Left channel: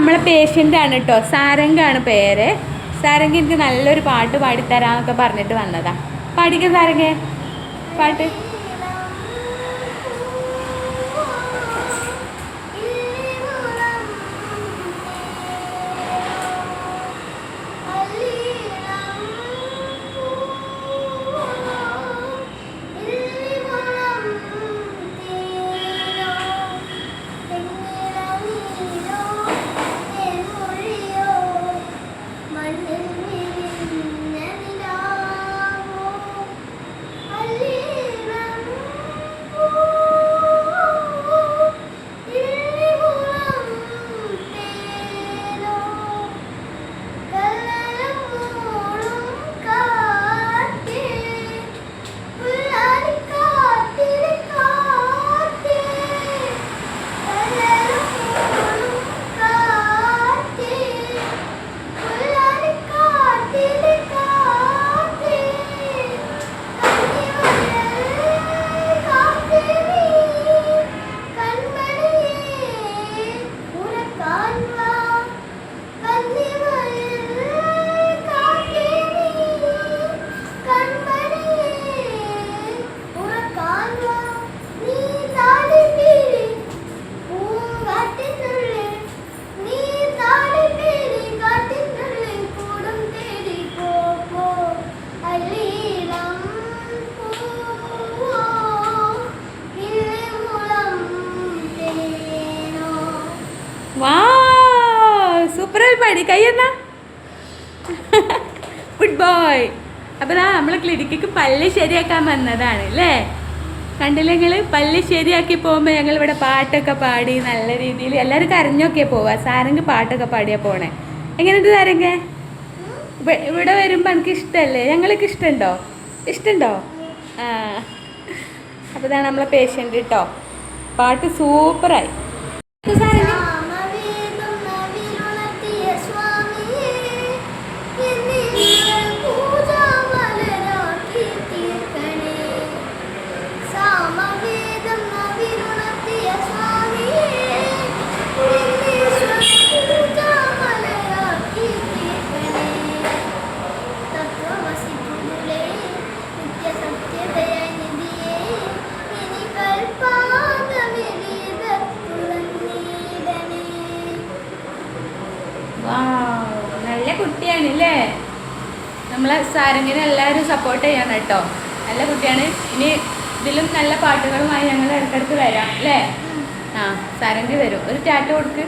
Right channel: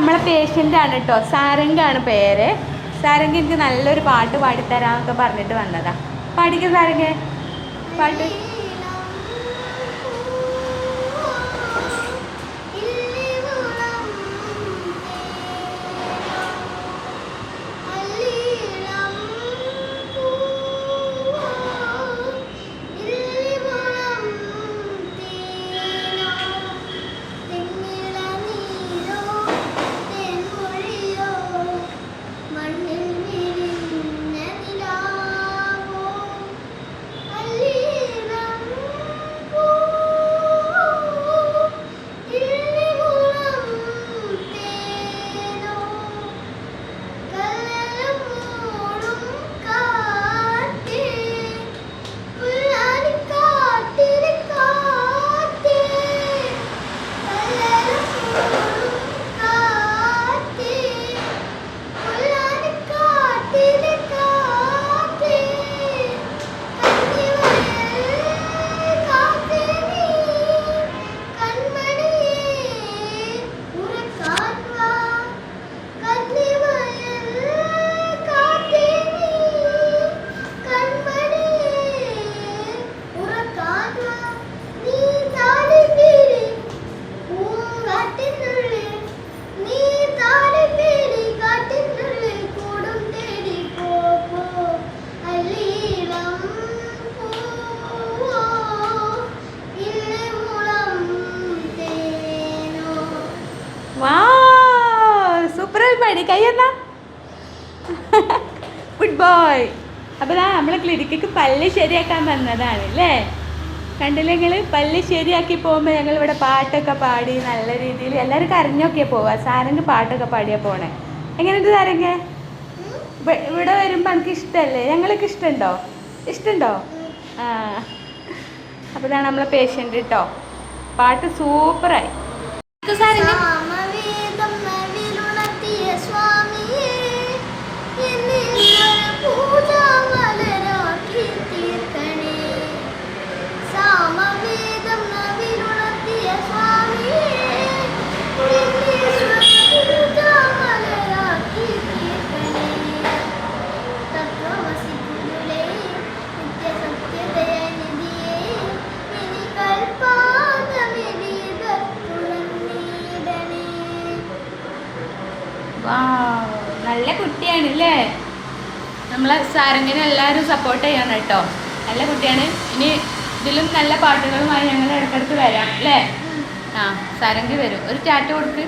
നമ്മളെ പേഷ്യൻ്റാണ് കേട്ടോ, സാരംഗാണ് പേര്. സാരംഗ് എനിക്ക് നല്ലൊരു പാട്ട് പാടിത്തരാന്നൊക്കെ പറഞ്ഞിട്ട് വന്നതാ. പാടിക്ക സാരംഗേ പാട്ട്. സൂപ്പറായി പാടി, കയ്യെന്നാ ഗുഡ് ബോയ്. അപ്പോൾ നമ്മളെ ക്ലിനിക്കിക്ക് പല്ല് ശരിയാക്കാൻ വന്നതാണ് അല്ലേ. കണ്ടില്ല നിങ്ങൾ, പല്ല് ശരിയാക്കി പോകുമ്പോൾ ഞങ്ങൾ ഇവിടെ പാട്ടൊക്കെ പാടി നല്ല രീതിയിൽ എല്ലാവരും കരഞ്ഞൊക്കെ പോവുക. സാരംഗ് പാട്ടൊക്കെ പാടിയാൽ പോണേ. എങ്ങനെയുണ്ട് സാരംഗ്? ഇവിടെ വരുമ്പോൾ എനിക്ക് ഇഷ്ടമല്ലേ? ഞങ്ങൾക്ക് ഇഷ്ടമുണ്ടോ? ഇഷ്ടമുണ്ടോ? ആ, അപ്പോൾ ഇതാണ് നമ്മളെ പേഷ്യൻ്റ് കേട്ടോ. പാട്ട് സൂപ്പറായി. സാരംഗ് നല്ല കുട്ടിയാണല്ലേ. നമ്മളെ സാരംഗിനെ എല്ലാവരും സപ്പോർട്ട് ചെയ്യണം കേട്ടോ. നല്ല കുട്ടിയാണ്. ഇനി ഇതിലും നല്ല പാട്ടുകളുമായി ഞങ്ങൾ ഇടയ്ക്കിടയ്ക്ക് വരാം അല്ലേ. ആ, സാരംഗി വരും. ഒരു ടാറ്റ കൊടുക്ക്.